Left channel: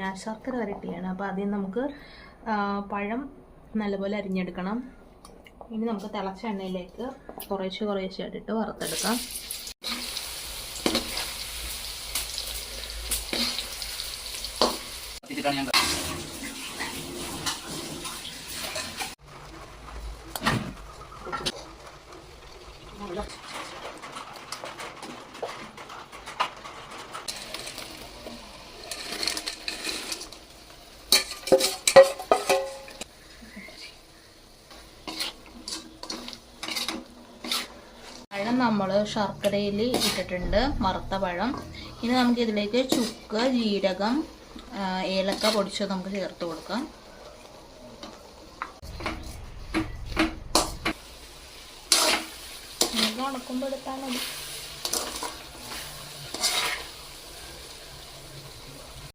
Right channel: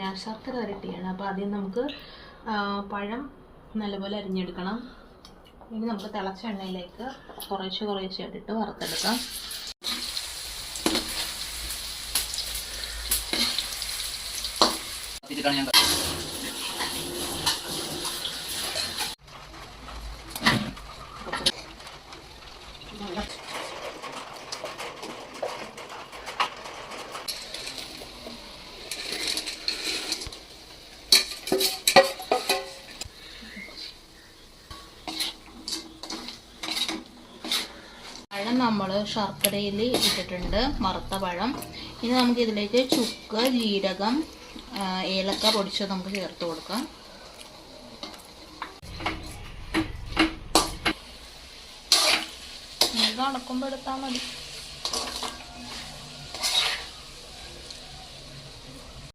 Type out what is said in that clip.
ഞാൻ ശർക്കര വരട്ടിയാണ്. അപ്പോൾ ആദ്യം നമുക്ക് പഴം നല്ലപോലെ അരിഞ്ഞെടുക്കണം. ഇനി നമുക്ക് തിളച്ച എണ്ണയിലേക്ക് കുറേശ്ശെ ഇട്ടിട്ട് വറുത്തെടുക്കാം. പഴം നമ്മൾ ശർക്കരയിൽ ഇട്ടിട്ടുണ്ട്, വറുത്ത പഴം. ഇനി നമുക്ക് ഇതിലേക്ക് ചുക്ക്, ജീരകം, ഏലക്ക പൊടിച്ചത് നമുക്ക് ചേർത്ത് കൊടുക്കാം. ഇത് അടക്കുമ്പോൾ എടുത്താൽ മതി.